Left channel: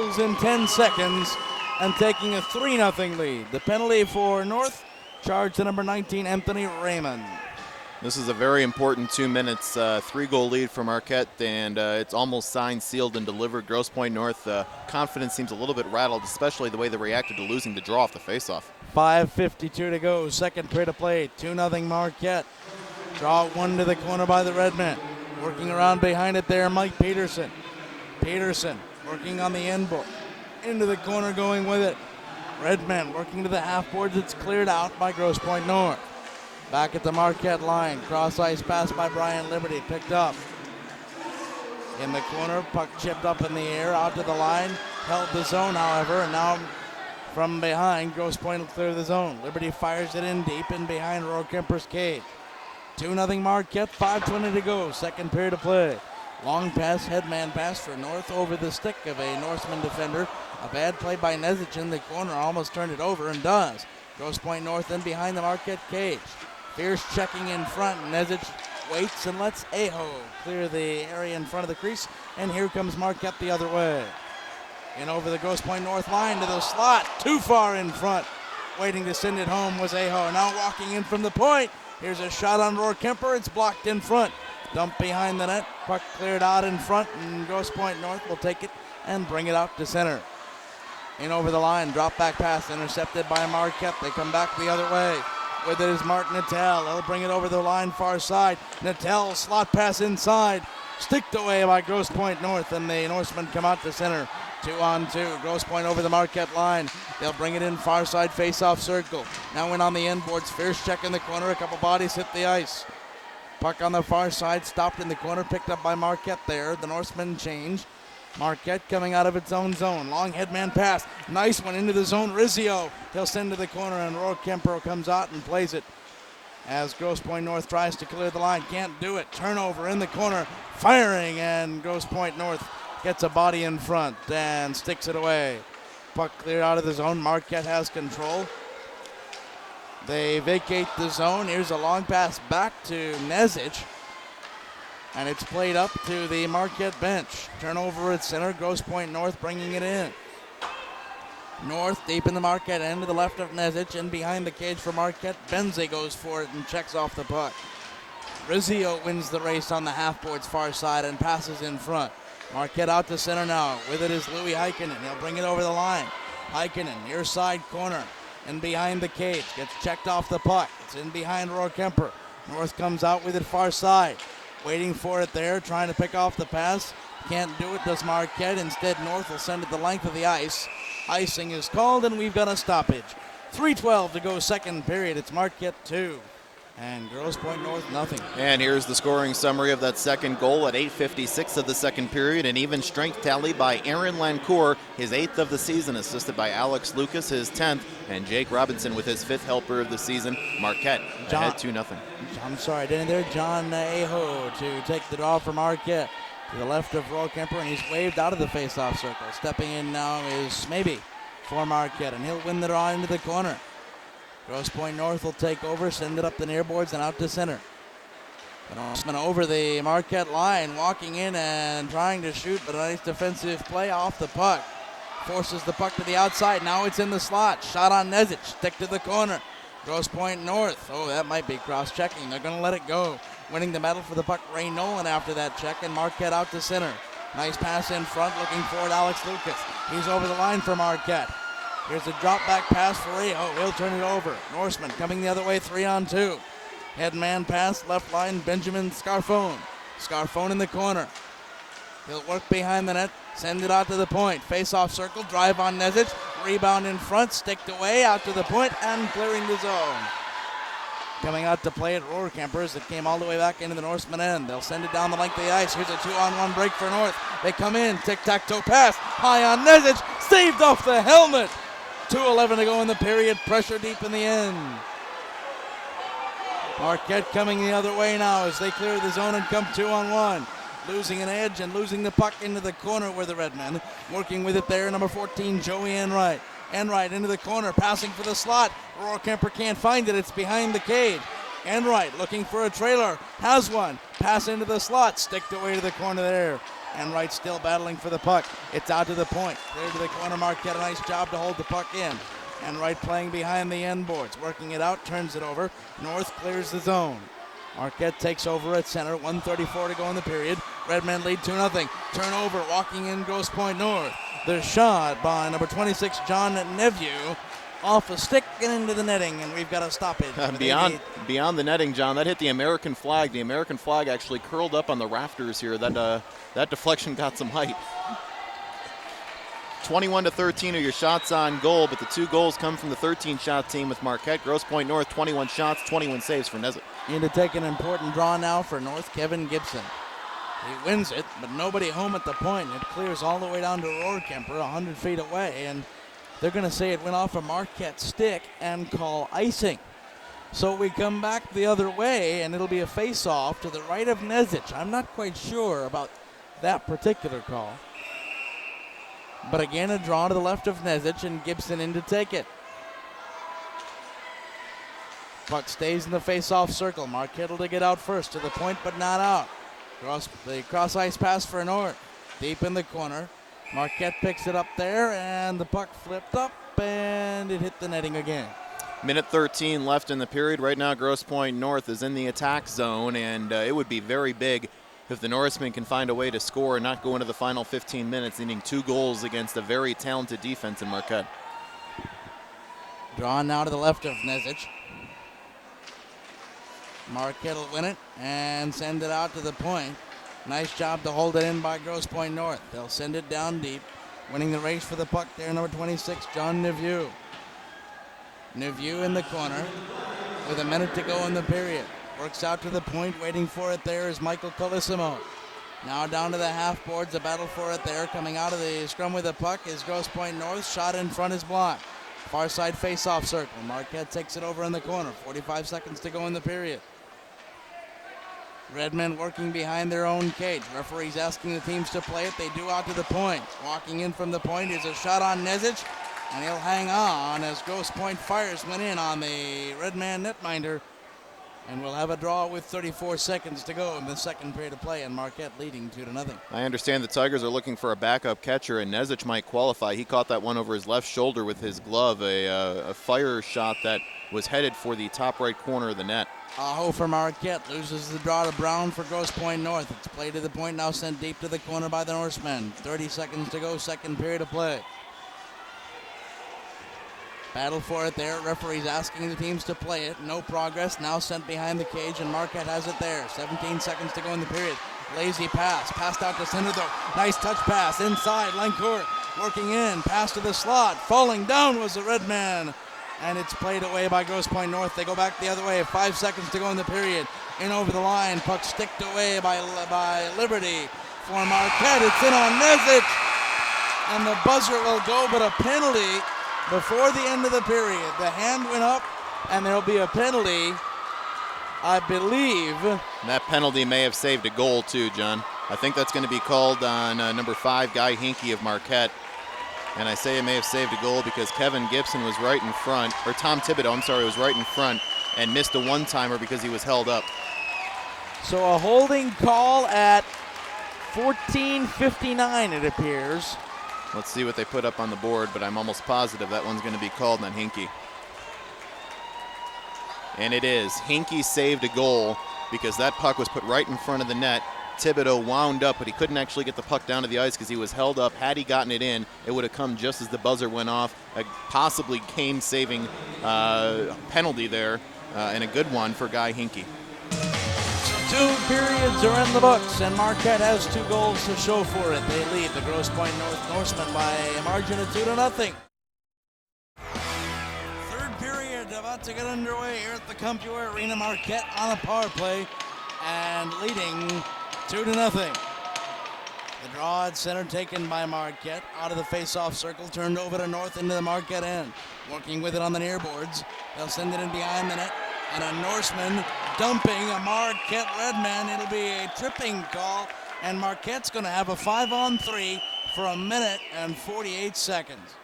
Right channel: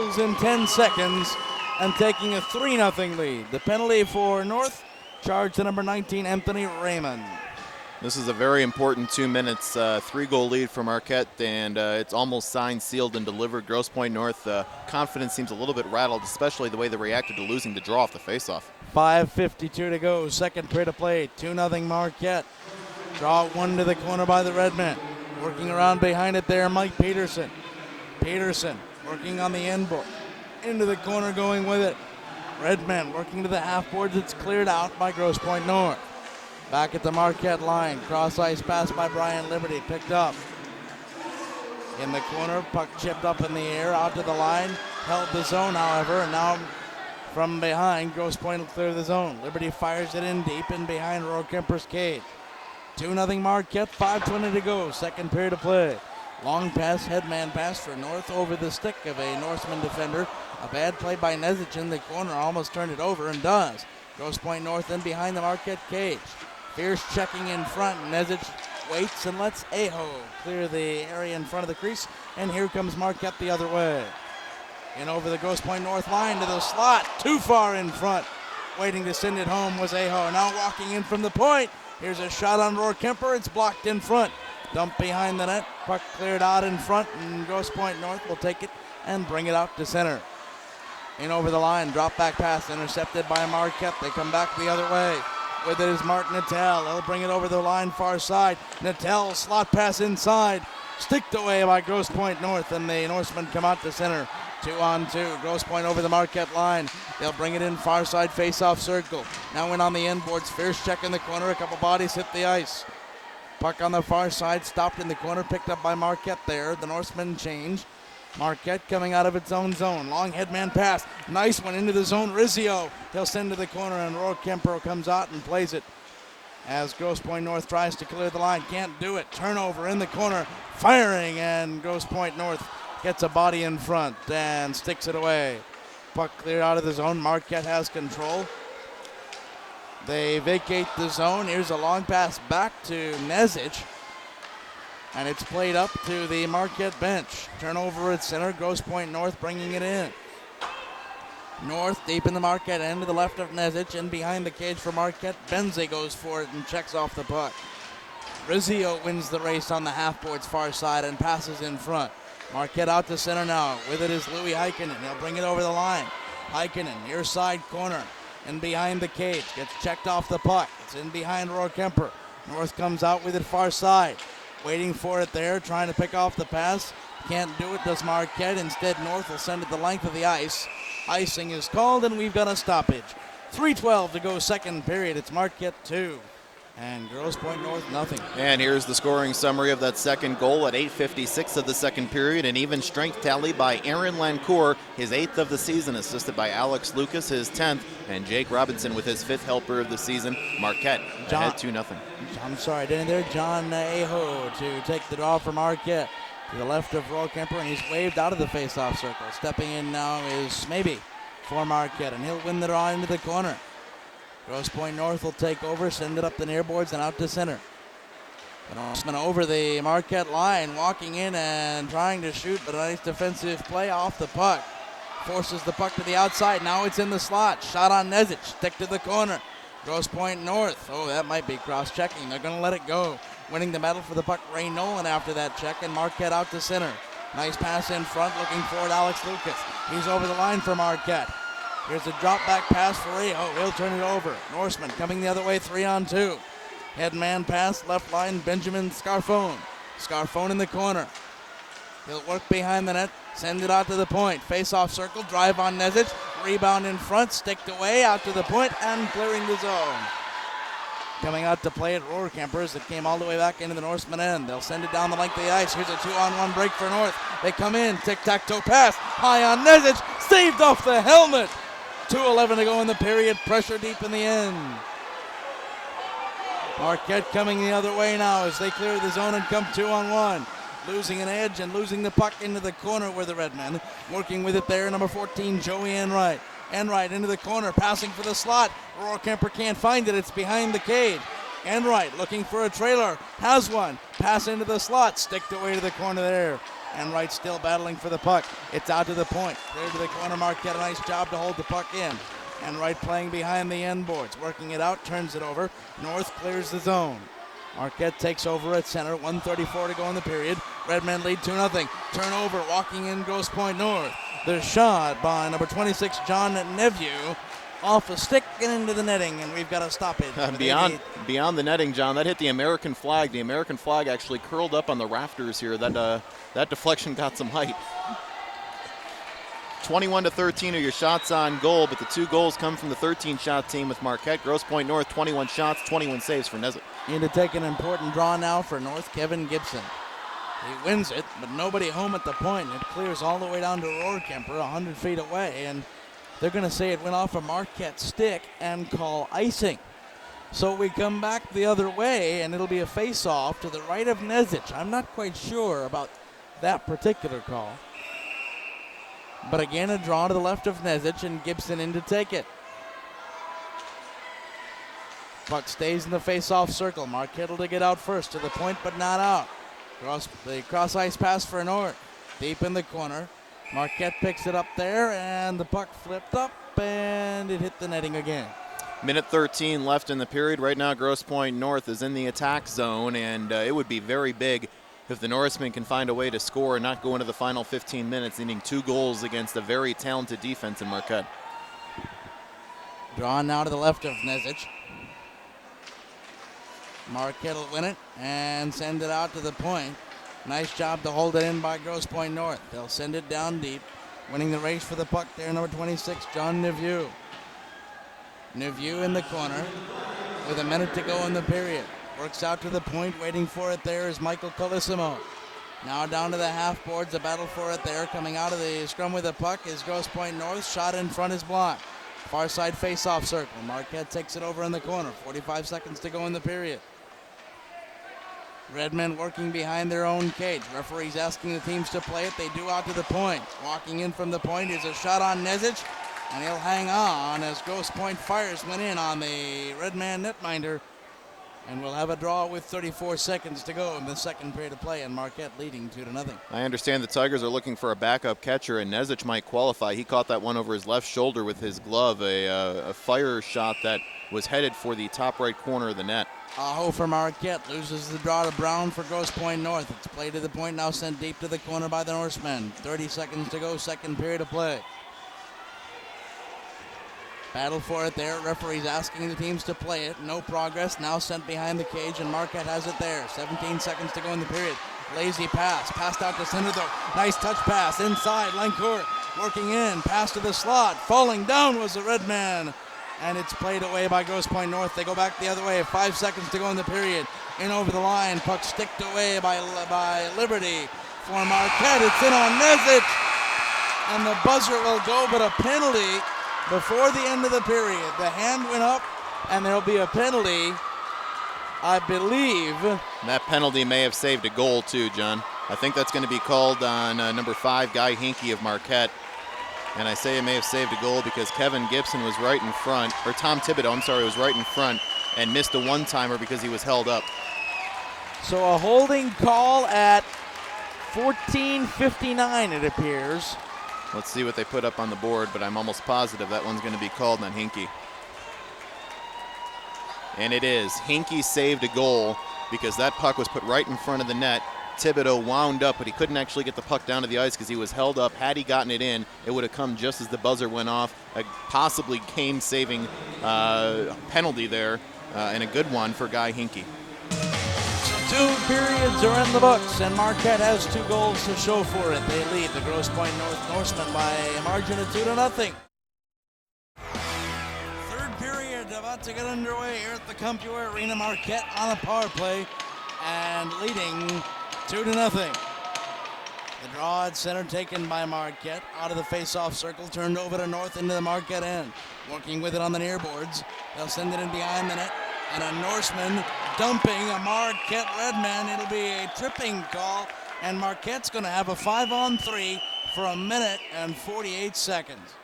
goals in 10 seconds and taking a 3-0 lead. The penalty for North, charge to number 19, Anthony Raymond. This is a very important 2 minutes, 3-goal lead for Marquette, and it's almost signed, sealed, and delivered. Grosse Pointe North confidence seems a little bit rattled, especially the way they reacted to losing the draw off the faceoff. 5:52 to go, second period of play, 2-0 Marquette. Draw one to the corner by the Redmen. Working around behind it there, Mike Peterson. Peterson working on the end board. Into the corner, going with it. Redmen working to the half boards. It's cleared out by Grosse Pointe North. Back at the Marquette line. Cross ice pass by Brian Liberty. Picked up. In the corner. Puck chipped up in the air. Out to the line. Held the zone, however. And now from behind, Grosse Pointe will clear the zone. Liberty fires it in deep and behind Rohrkemper's cage. 2-0 Marquette. 5:20 to go. Second period of play. Long pass, headman pass for North over the stick of a Norseman defender. A bad play by Nezic in the corner. Almost turned it over and does. Grosse Pointe North in behind the Marquette cage. Fierce checking in front. Nezic waits and lets Aho clear the area in front of the crease. And here comes Marquette the other way. And over the Grosse Pointe North line to the slot. Too far in front. Waiting to send it home was Aho. Now walking in from the point. Here's a shot on Rohrkemper. It's blocked in front. Dump behind the net. Puck cleared out in front. And Grosse Pointe North will take it and bring it out to center. In over the line. Drop back pass intercepted by Marquette. They come back the other way. With it is Martin Natel. They'll bring it over the line far side. Natel slot pass inside. Sticked away by Grosse Pointe North. And the Norsemen come out to center. 2-on-2. Grosse Pointe over the Marquette line. They'll bring it in far side face-off circle. Now in on the end boards. Fierce check in the corner. A couple bodies hit the ice. Puck on the far side. Stopped in the corner. Picked up by Marquette there. The Norsemen change. Marquette coming out of its own zone. Long headman pass. Nice one into the zone. Rizzio. They'll send to the corner and Rohrkemper comes out and plays it. As Grosse Pointe North tries to clear the line. Can't do it. Turnover in the corner. Firing and Grosse Pointe North gets a body in front and sticks it away. Puck cleared out of the zone. Marquette has control. They vacate the zone. Here's a long pass back to Nezic. And it's played up to the Marquette bench. Turnover at center. Grosse Pointe North bringing it in. North deep in the Marquette end to the left of Nezic. In behind the cage for Marquette. Benze goes for it and checks off the puck. Rizzio wins the race on the half boards far side and passes in front. Marquette out to center now. With it is Louis Heikkinen. He'll bring it over the line. Heikkinen near side corner. And behind the cage. Gets checked off the puck. It's in behind Rohrkemper. North comes out with it far side. Waiting for it there, trying to pick off the pass. Can't do it, does Marquette. Instead, North will send it the length of the ice. Icing is called, and we've got a stoppage. 3:12 to go, second period. It's Marquette 2 and Grosse Pointe North nothing. And here's the scoring summary of that second goal at 8:56 of the second period. An even strength tally by Aaron Lancourt, his 8th of the season, assisted by Alex Lucas, his 10th, and Jake Robinson with his 5th helper of the season. Marquette ahead 2-0. I'm sorry, down there, John Aho to take the draw for Marquette. To the left of Rohrkemper, and he's waved out of the face-off circle. Stepping in now is Maybe for Marquette, and he'll win the draw into the corner. Grosse Pointe North will take over, send it up the near boards and out to center. Norseman over the Marquette line, walking in and trying to shoot, but a nice defensive play off the puck. Forces the puck to the outside, now it's in the slot. Shot on Nezic, stick to the corner. Grosse Pointe North, oh, that might be cross-checking. They're going to let it go. Winning the medal for the puck, Ray Nolan after that check, and Marquette out to center. Nice pass in front, looking forward, Alex Lucas. He's over the line for Marquette. Here's a drop back pass for Aho. He'll turn it over. Norseman coming the other way, 3-on-2. Headman pass, left line, Benjamin Scarfone. Scarfone in the corner. He'll work behind the net, send it out to the point. Face-off circle, drive on Nezic. Rebound in front, sticked away, out to the point, and clearing the zone. Coming out to play at Rohrkemper as it came all the way back into the Norseman end. They'll send it down the length of the ice. Here's a 2-on-1 break for North. They come in, tic-tac-toe pass, high on Nezic, saved off the helmet. 2:11 to go in the period, pressure deep in the end. Marquette coming the other way now as they clear the zone and come 2-on-1. Losing an edge and losing the puck into the corner where the Redmen. Working with it there, number 14, Joey Enright. Enright into the corner, passing for the slot. Rohrkemper can't find it, it's behind the cage. Enright looking for a trailer, has one. Pass into the slot, sticked away to the corner there. And Wright still battling for the puck. It's out to the point. Clear to the corner. Marquette, a nice job to hold the puck in. And Wright playing behind the end boards. Working it out, turns it over. North clears the zone. Marquette takes over at center. 1:34 to go in the period. Redmen lead 2-0. Turnover, walking in Grosse Pointe North. The shot by number 26, John Neveu. Off a stick and into the netting, and we've got to stop it. Beyond the netting, John, that hit the American flag. The American flag actually curled up on the rafters here. That deflection got some height. 21-13 are your shots on goal, but the 2 goals come from the 13-shot team with Marquette. Grosse Pointe North, 21 shots, 21 saves for Nesit. Need to take an important draw now for North, Kevin Gibson. He wins it, but nobody home at the point. It clears all the way down to Rohrkemper, 100 feet away, and they're going to say it went off a Marquette stick and call icing. So we come back the other way, and it'll be a face-off to the right of Nezic. I'm not quite sure about that particular call. But again, a draw to the left of Nezic, and Gibson in to take it. Puck stays in the face-off circle. Marquette will get out first to the point, but not out. The cross-ice pass for North. Deep in the corner. Marquette picks it up there, and the puck flipped up, and it hit the netting again. Minute 13 left in the period. Right now, Grosse Pointe North is in the attack zone, and it would be very big if the Norsemen can find a way to score and not go into the final 15 minutes, needing 2 goals against a very talented defense in Marquette. Drawn now to the left of Nezic. Marquette will win it and send it out to the point. Nice job to hold it in by Grosse Pointe North. They'll send it down deep. Winning the race for the puck there, number 26, John Neveu. Neveu in the corner with a minute to go in the period. Works out to the point. Waiting for it there is Michael Colissimo. Now down to the half boards. The battle for it there. Coming out of the scrum with the puck is Grosse Pointe North. Shot in front is blocked. Far side face-off circle. Marquette takes it over in the corner. 45 seconds to go in the period. Redmen working behind their own cage. Referees asking the teams to play it. They do out to the point. Walking in from the point is a shot on Nezic, and he'll hang on as Grosse Pointe fires went in on the Redman netminder. And we'll have a draw with 34 seconds to go in the second period of play, and Marquette leading 2-0. I understand the Tigers are looking for a backup catcher, and Nezic might qualify. He caught that one over his left shoulder with his glove, a fire shot that was headed for the top right corner of the net. Aho for Marquette, loses the draw to Brown for Grosse Pointe North. It's played to the point, now sent deep to the corner by the Norsemen. 30 seconds to go, second period of play. Battle for it there, referees asking the teams to play it. No progress, now sent behind the cage, and Marquette has it there. 17 seconds to go in the period. Lazy pass, passed out to center though. Nice touch pass, inside, Lancourt working in, pass to the slot. Falling down was the red man. And it's played away by Grosse Pointe North. They go back the other way. 5 seconds to go in the period. In over the line. Puck sticked away by Liberty for Marquette. It's in on Nezic. And the buzzer will go, but a penalty before the end of the period. The hand went up, and there'll be a penalty, I believe. And that penalty may have saved a goal, too, John. I think that's going to be called on number 5, Guy Hinkie of Marquette. And I say it may have saved a goal because Kevin Gibson was right in front, or Tom Thibodeau, was right in front and missed a one-timer because he was held up. So a holding call at 14:59, it appears. Let's see what they put up on the board, but I'm almost positive that one's going to be called on Hinkie. And it is. Hinkie saved a goal because that puck was put right in front of the net. Thibodeau wound up, but he couldn't actually get the puck down to the ice because he was held up. Had he gotten it in, it would have come just as the buzzer went off. A possibly game-saving penalty there, and a good one for Guy Hinkie. 2 periods are in the books, and Marquette has 2 goals to show for it. They lead the Grosse Pointe Norsemen by a margin of 2-0. Third period about to get underway here at the Computer Arena. Marquette on a power play and leading 2-0. The draw at center taken by Marquette. Out of the face-off circle, turned over to North into the Marquette end. Working with it on the near boards. They'll send it in behind the net. And a Norseman dumping a Marquette Redman. It'll be a tripping call. And Marquette's going to have a 5-on-3 for a minute and 48 seconds.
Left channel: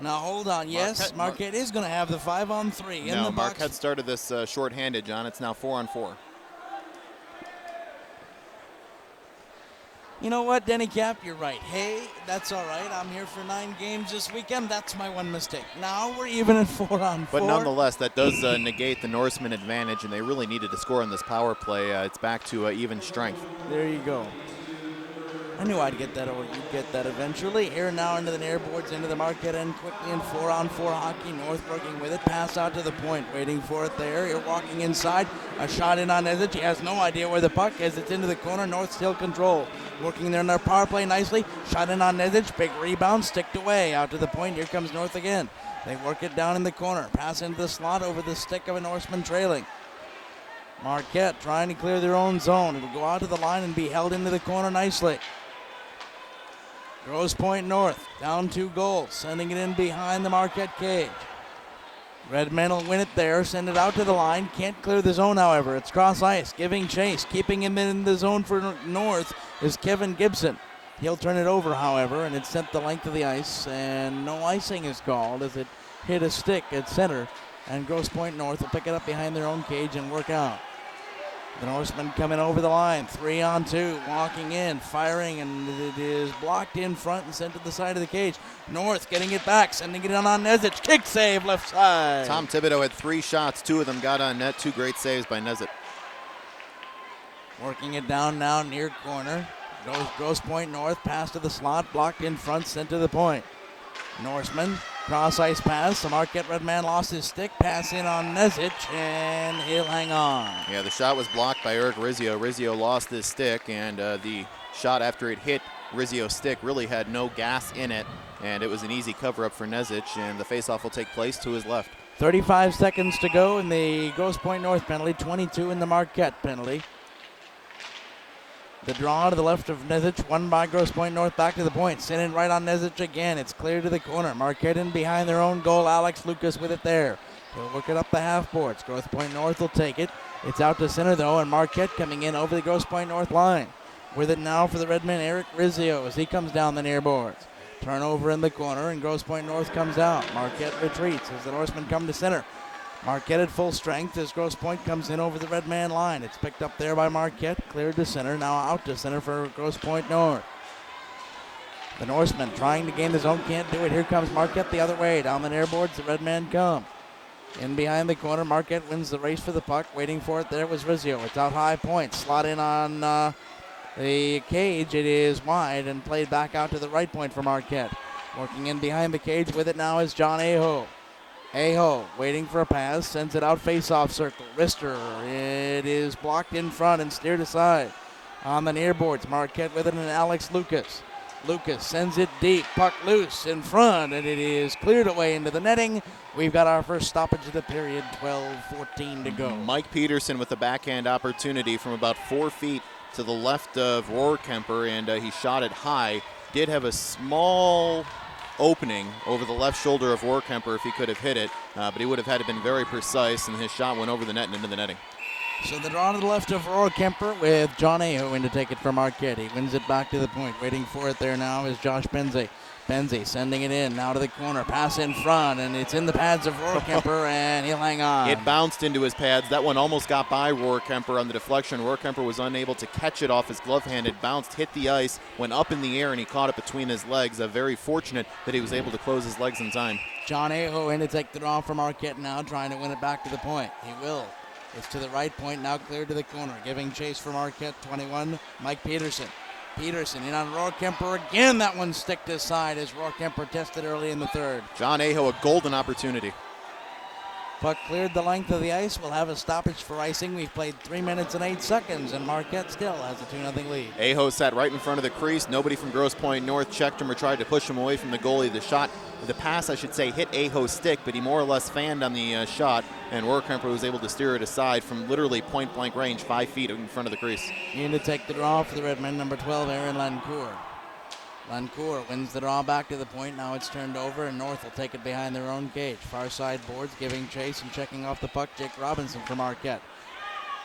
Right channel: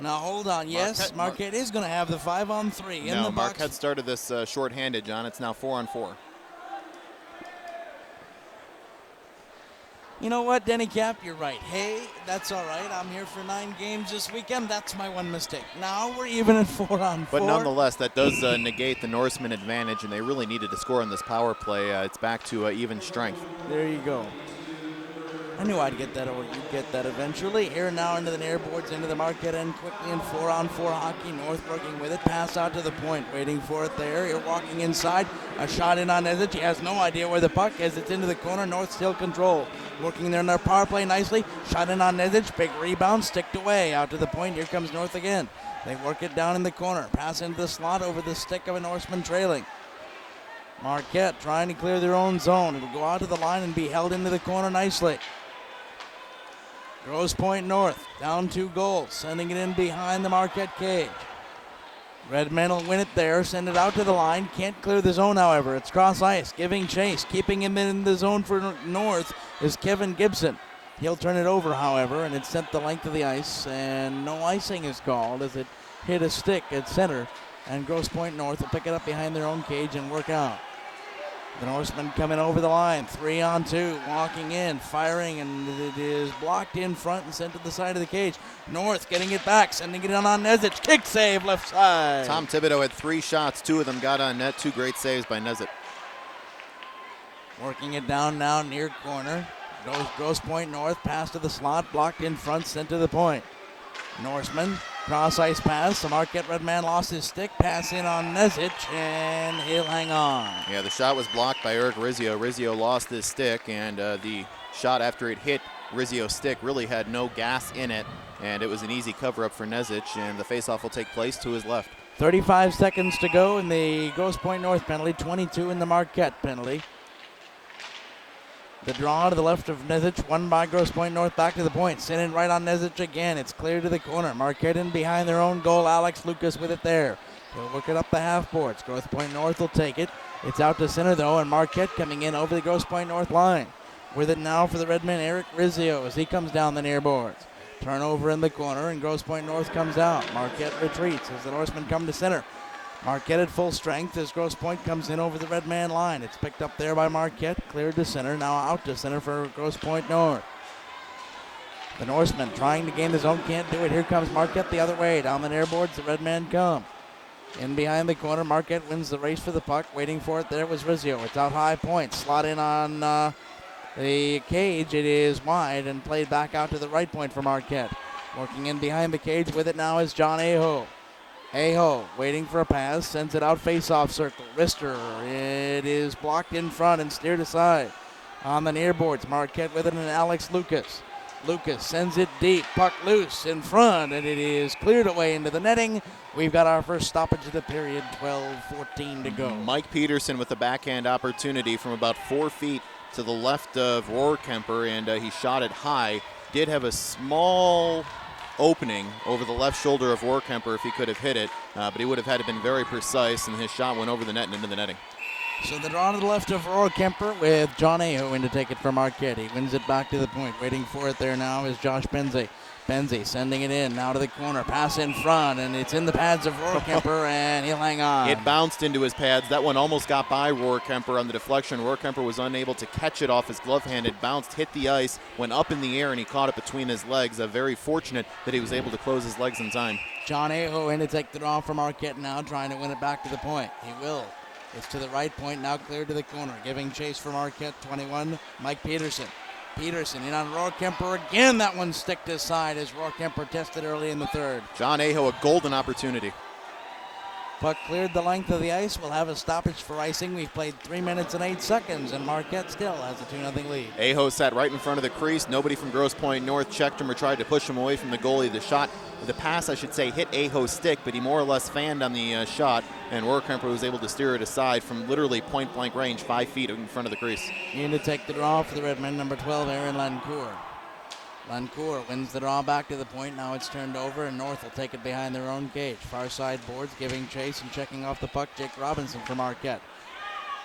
Now hold on. Yes, Marquette is going to have the 5-on-3 in the box. Marquette started this shorthanded, John. It's now 4-on-4. You know what, Denny Cap, you're right. Hey, that's all right. I'm here for 9 games this weekend. That's my one mistake. Now we're even at 4-on-4. But nonetheless, that does negate the Norseman advantage, and they really needed to score on this power play. It's back to even strength. There you go. I knew I'd get that, or you'd get that eventually. Air now into the near boards, into the Marquette end quickly in 4-on-4 hockey. North working with it. Pass out to the point, waiting for it there. You're walking inside. A shot in on Nezic. He has no idea where the puck is. It's into the corner. North still control. Working there in their power play nicely. Shot in on Nezic. Big rebound. Sticked away. Out to the point. Here comes North again. They work it down in the corner. Pass into the slot over the stick of a Norseman trailing. Marquette trying to clear their own zone. It'll go out to the line and be held into the corner nicely. Grosse Pointe North, down 2 goals, sending it in behind the Marquette cage. Redmen will win it there, send it out to the line. Can't clear the zone, however. It's cross ice, giving chase. Keeping him in the zone for North is Kevin Gibson. He'll turn it over, however, and it's sent the length of the ice, and no icing is called as it hit a stick at center. And Grosse Pointe North will pick it up behind their own cage and work out. The Norseman coming over the line, 3-on-2, walking in, firing, and it is blocked in front and sent to the side of the cage. North getting it back, sending it in on Nezic. Kick save left side. Tom Thibodeau had 3 shots, 2 of them got on net, 2 great saves by Nezic. Working it down now near corner. Goes Grosse Pointe North, pass to the slot, blocked in front, sent to the point. Norseman, cross ice pass. The Marquette Redman lost his stick. Pass in on Nezic, and he'll hang on. Yeah, the shot was blocked by Eric Rizzio. Rizzio lost his stick, and the shot after it hit Rizzio's stick really had no gas in it, and it was an easy cover-up for Nezic, and the faceoff will take place to his left. 35 seconds to go in the Grosse Pointe North penalty, 22 in the Marquette penalty. The draw to the left of Nezic, won by Grosse Pointe North, back to the point. Sent in right on Nezic again. It's clear to the corner. Marquette in behind their own goal. Alex Lucas with it there. They'll work it up the half boards. Grosse Pointe North will take it. It's out to center though, and Marquette coming in over the Grosse Pointe North line. With it now for the Redmen, Eric Rizzio as he comes down the near boards. Turnover in the corner, and Grosse Pointe North comes out. Marquette retreats as the Norsemen come to center. Marquette at full strength as Grosse Pointe comes in over the red man line. It's picked up there by Marquette, cleared to center, now out to center for Grosse Pointe North. The Norsemen trying to gain the zone, can't do it. Here comes Marquette the other way. Down the near boards, the red man come. In behind the corner, Marquette wins the race for the puck. Waiting for it there was Rizzio. It's out high point, slot in on the cage. It is wide and played back out to the right point for Marquette. Working in behind the cage with it now is John Aho. Aho waiting for a pass, sends it out face-off circle. Rister, it is blocked in front and steered aside. On the near boards, Marquette with it and Alex Lucas. Lucas sends it deep, puck loose in front, and it is cleared away into the netting. We've got our first stoppage of the period, 12:14 to go. Mike Peterson with a backhand opportunity from about 4 feet to the left of Rohrkemper, and he shot it high. Did have a small opening over the left shoulder of Rohrkemper if he could have hit it, but he would have had to been very precise, and his shot went over the net and into the netting. So the draw to the left of Rohrkemper with John Aho in to take it for Marquette. He wins it back to the point. Waiting for it there now is Josh Benzie. Benzie sending it in, now to the corner. Pass in front, and it's in the pads of Rohrkemper, and he'll hang on. It bounced into his pads. That one almost got by Rohrkemper on the deflection. Rohrkemper was unable to catch it off his glove hand. It bounced, hit the ice, went up in the air, and he caught it between his legs. Very fortunate that he was able to close his legs in time. John Aho in to take the draw from Marquette now, trying to win it back to the point. He will. It's to the right point, now cleared to the corner. Giving chase for Marquette, 21, Mike Peterson. Peterson in on Rohrkemper again. That one sticked aside as Rohrkemper tested early in the third. John Aho, a golden opportunity. Puck cleared the length of the ice. We'll have a stoppage for icing. We've played 3 minutes and 8 seconds, and Marquette still has a 2-0 lead. Aho sat right in front of the crease. Nobody from Grosse Pointe North checked him or tried to push him away from the goalie. The pass, I should say, hit Aho's stick, but he more or less fanned on the shot, and Rohrkemper was able to steer it aside from literally point-blank range, 5 feet in front of the crease. In to take the draw for the Redmen, number 12, Aaron Lancourt. Lancourt wins the draw back to the point. Now it's turned over, and North will take it behind their own cage. Far side boards, giving chase and checking off the puck, Jake Robinson from Marquette.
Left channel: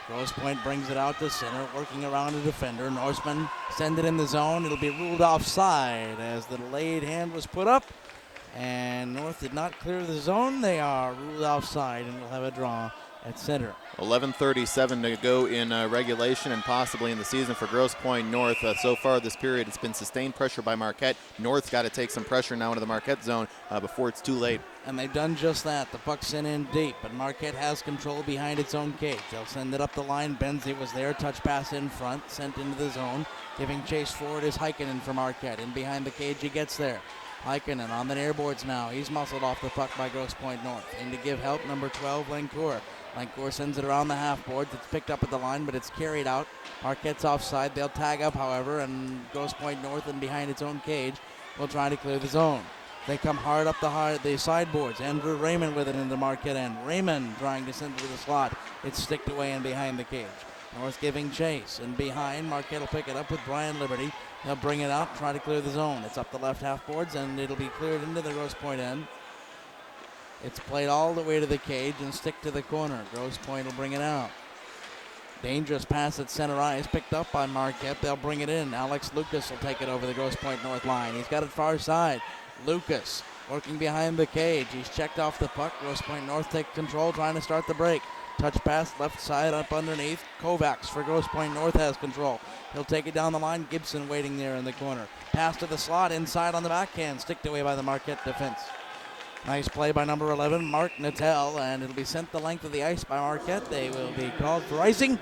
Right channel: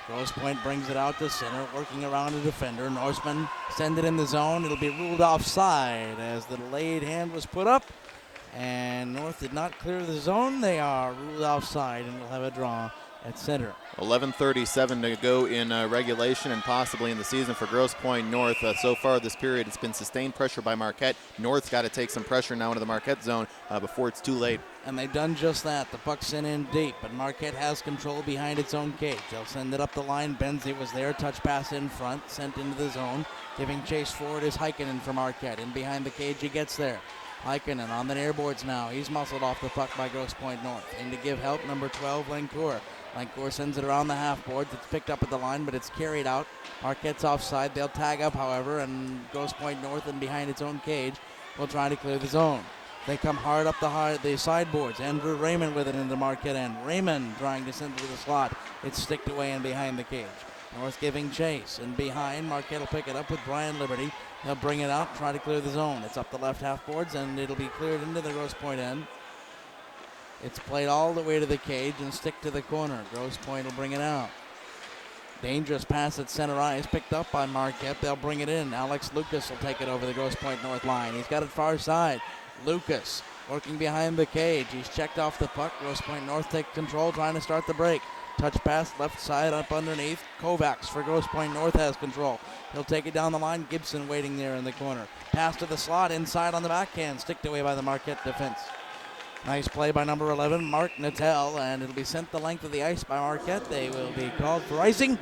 Grosse Pointe brings it out to center, working around a defender. Norseman send it in the zone. It'll be ruled offside as the delayed hand was put up, And North did not clear the zone. They are ruled offside and will have a draw at center. 11:37 to go in regulation and possibly in the season for Grosse Pointe North. So far this period, it's been sustained pressure by Marquette. North's got to take some pressure now into the Marquette zone before it's too late. And they've done just that. The puck's sent in deep, but Marquette has control behind its own cage. They'll send it up the line. Benzie was there. Touch pass in front, sent into the zone. Giving chase forward is Heikkinen for Marquette. In behind the cage, he gets there. Heikkinen on the near boards now. He's muscled off the puck by Grosse Pointe North. In to give help, number 12, Lancourt. Lancourt sends it around the half boards. It's picked up at the line, but it's carried out. Marquette's offside. They'll tag up, however, and Grosse Pointe North and behind its own cage will try to clear the zone. They come hard up the sideboards. Andrew Raymond with it in the Marquette end. Raymond trying to send it to the slot. It's sticked away and behind the cage. North giving chase. And behind, Marquette will pick it up with Brian Liberty. They'll bring it out, try to clear the zone. It's up the left half boards, and it'll be cleared into the Grosse Pointe end. It's played all the way to the cage and stick to the corner. Grosse Pointe will bring it out. Dangerous pass at center ice, picked up by Marquette. They'll bring it in. Alex Lucas will take it over the Grosse Pointe North line. He's got it far side. Lucas working behind the cage. He's checked off the puck. Grosse Pointe North take control, trying to start the break. Touch pass left side up underneath. Kovacs for Grosse Pointe North has control. He'll take it down the line. Gibson waiting there in the corner. Pass to the slot inside on the backhand. Sticked away by the Marquette defense. Nice play by number 11, Mark Natel, and it'll be sent the length of the ice by Marquette. They will be called for icing,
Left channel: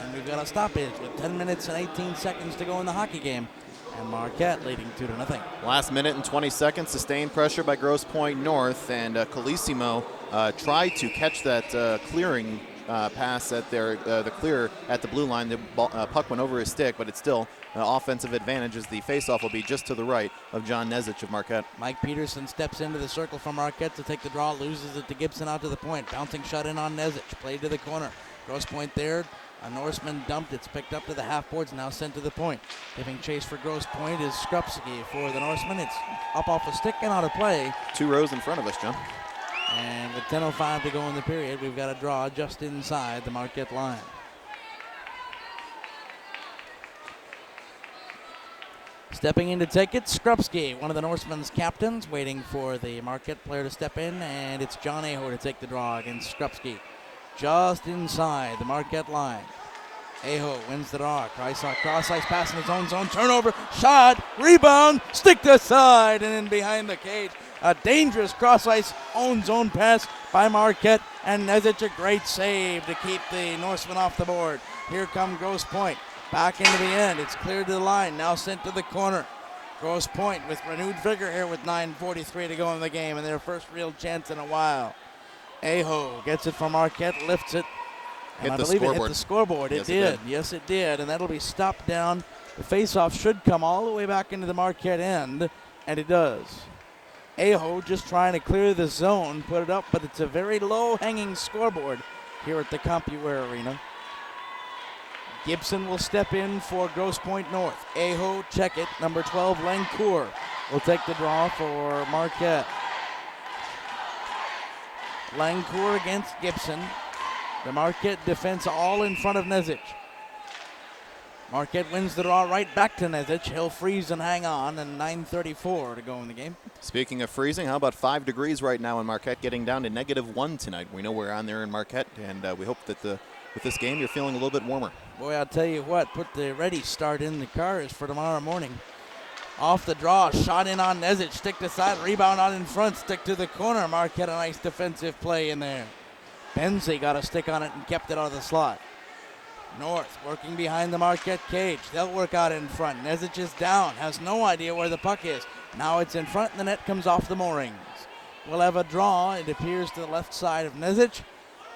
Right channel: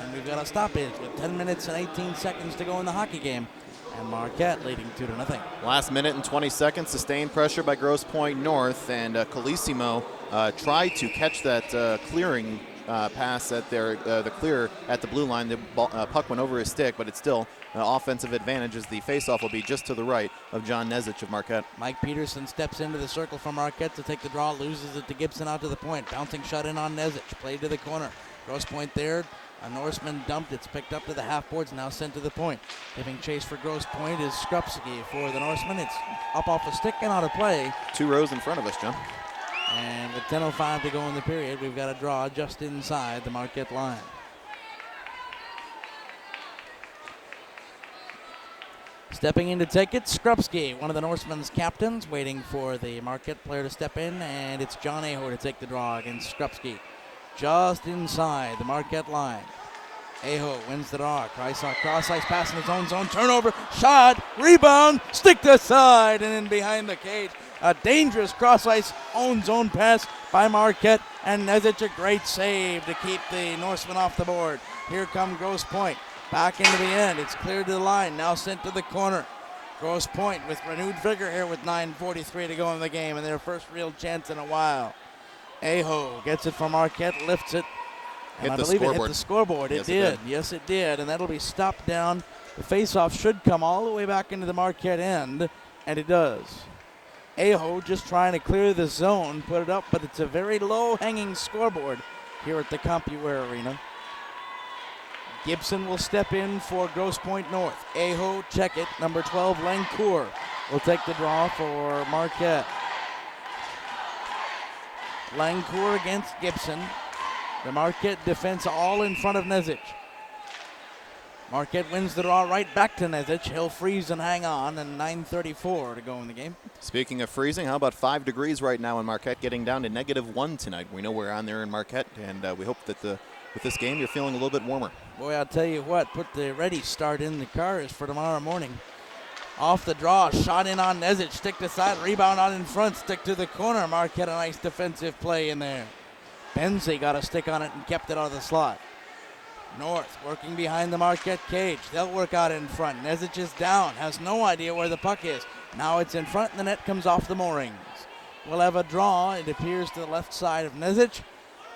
and we've got a stoppage with 10 minutes and 18 seconds to go in the hockey game. And Marquette leading 2-0. Last minute and 20 seconds, sustained pressure by Grosse Pointe North, and Colissimo tried to catch that clearing pass at the clear at the blue line. The puck went over his stick, but it's still an offensive advantage as the faceoff will be just to the right of John Nezich of Marquette. Mike Peterson steps into the circle for Marquette to take the draw, loses it to Gibson out to the point. Bouncing shot in on Nezich, played to the corner. Grosse Pointe there. A Norseman dumped. It's picked up to the half boards, now sent to the point. Giving chase for Grosse Pointe is Skrupski for the Norseman. It's up off the stick and out of play. 2 rows in front of us, John. And with 10:05 to go in the period, we've got a draw just inside the Marquette line. Stepping in to take it, Skrupski, one of the Norsemen's captains, waiting for the Marquette player to step in, and it's John Aho to take the draw against Skrupski. Just inside the Marquette line. Aho wins the draw. Cross ice pass in his own zone. Turnover, shot, rebound, stick to side, and in behind the cage. A dangerous cross ice own zone pass by Marquette, and Nezich a great save to keep the Norseman off the board. Here come Grosse Pointe. Back into the end. It's cleared to the line. Now sent to the corner. Grosse Pointe with renewed vigor here with 9:43 to go in the game, and their first real chance in a while. Aho gets it from Marquette, lifts it. Hit the It hit the scoreboard. Yes, It did. Yes, it did. And that'll be stopped down. The faceoff should come all the way back into the Marquette end, and it does. Aho just trying to clear the zone, put it up, but it's a very low-hanging scoreboard here at the CompuWare Arena. Gibson will step in for Grosse Pointe North. Aho, check it. Number 12, Lancourt will take the draw for Marquette. Lancourt against Gibson. The Marquette defense all in front of Nezich. Marquette wins the draw right back to Nezich. He'll freeze and hang on, and 9:34 to go in the game. Speaking of freezing, how about 5 degrees right now in Marquette, getting down to -1 tonight. We know we're on there in Marquette, and we hope that with this game you're feeling a little bit warmer. Boy, I'll tell you what, put the ready start in the cars for tomorrow morning. Off the draw, shot in on Nezich, stick to side, rebound on in front, stick to the corner. Marquette a nice defensive play in there. Benzie got a stick on it and kept it out of the slot. North working behind the Marquette cage. They'll work out in front. Nezich is down, has no idea where the puck is. Now it's in front and the net comes off the moorings. We'll have a draw, it appears, to the left side of Nezich.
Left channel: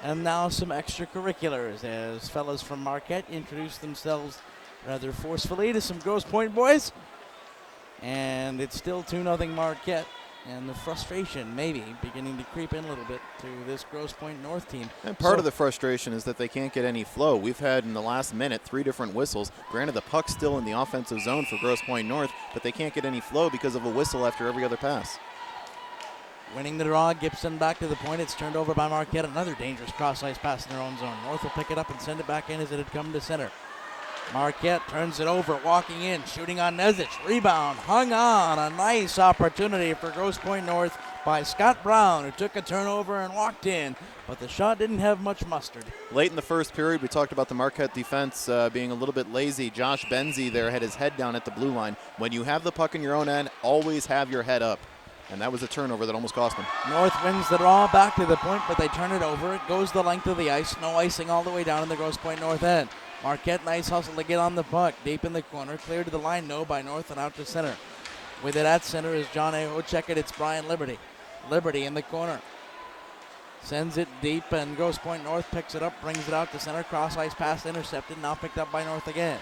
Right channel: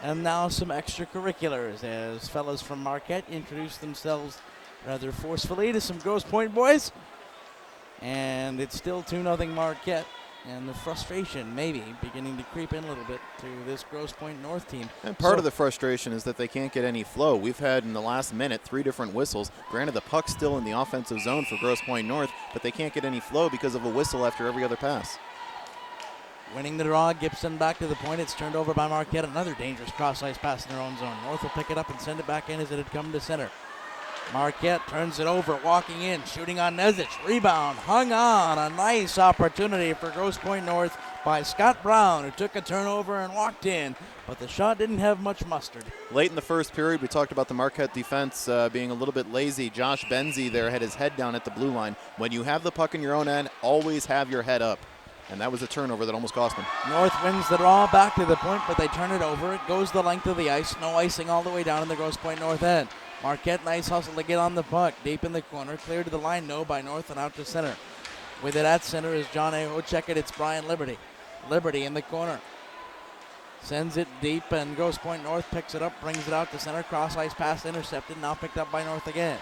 And now some extracurriculars as fellas from Marquette introduce themselves rather forcefully to some Grosse Pointe boys. And it's still 2-0 Marquette. And the frustration maybe beginning to creep in a little bit to this Grosse Pointe North team. And part of the frustration is that they can't get any flow. We've had in the last minute 3 different whistles. Granted, the puck's still in the offensive zone for Grosse Pointe North, but they can't get any flow because of a whistle after every other pass. Winning the draw, Gibson back to the point. It's turned over by Marquette. Another dangerous cross-ice pass in their own zone. North will pick it up and send it back in as it had come to center. Marquette turns it over, walking in, shooting on Nezic. Rebound, hung on. A nice opportunity for Grosse Pointe North by Scott Brown, who took a turnover and walked in. But the shot didn't have much mustard. Late in the first period, we talked about the Marquette defense being a little bit lazy. Josh Benzie there had his head down at the blue line. When you have the puck in your own end, always have your head up. And that was a turnover that almost cost them. North wins the draw back to the point, but they turn it over. It goes the length of the ice. No icing all the way down in the Grosse Pointe North end. Marquette, nice hustle to get on the puck. Deep in the corner. Clear to the line, no, by North and out to center. With it at center is John Aho. Check it, it's Brian Liberty. Liberty in the corner. Sends it deep, and Grosse Pointe North picks it up, brings it out to center. Cross ice pass intercepted, now picked up by North again.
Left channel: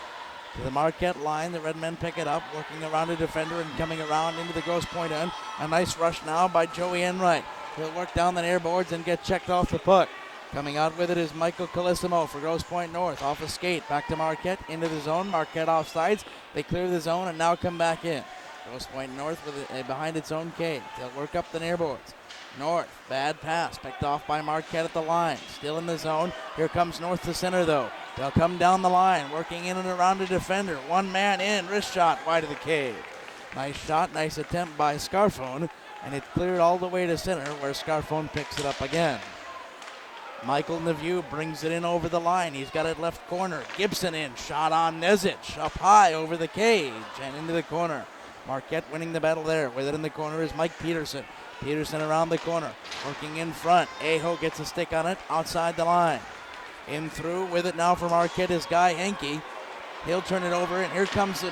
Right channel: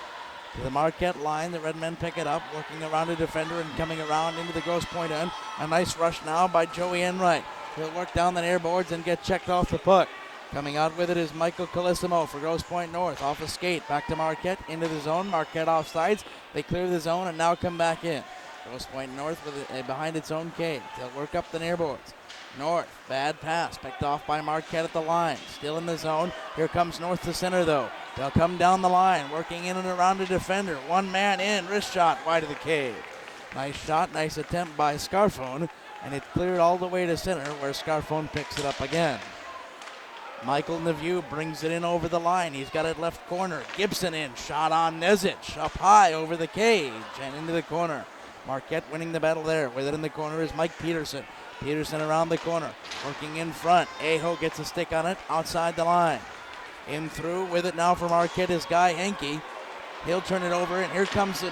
To the Marquette line, the Red Men pick it up, working around a defender and coming around into the Grosse Pointe end. A nice rush now by Joey Enright. He'll work down the near boards and get checked off the puck. Coming out with it is Michael Colissimo for Grosse Pointe North. Off a skate, back to Marquette, into the zone. Marquette off sides. They clear the zone and now come back in. Grosse Pointe North with it behind its own cage. They'll work up the near boards. North, bad pass, picked off by Marquette at the line. Still in the zone. Here comes North to center, though. They'll come down the line, working in and around the defender. One man in, wrist shot wide of the cage. Nice shot, nice attempt by Scarfone, and it cleared all the way to center, where Scarfone picks it up again. Michael Neveu brings it in over the line. He's got it left corner. Gibson in, shot on Nezic, up high over the cage and into the corner. Marquette winning the battle there. With it in the corner is Mike Peterson. Peterson around the corner, working in front. Aho gets a stick on it, outside the line. In through with it now for Marquette is Guy Henke. He'll turn it over, and here comes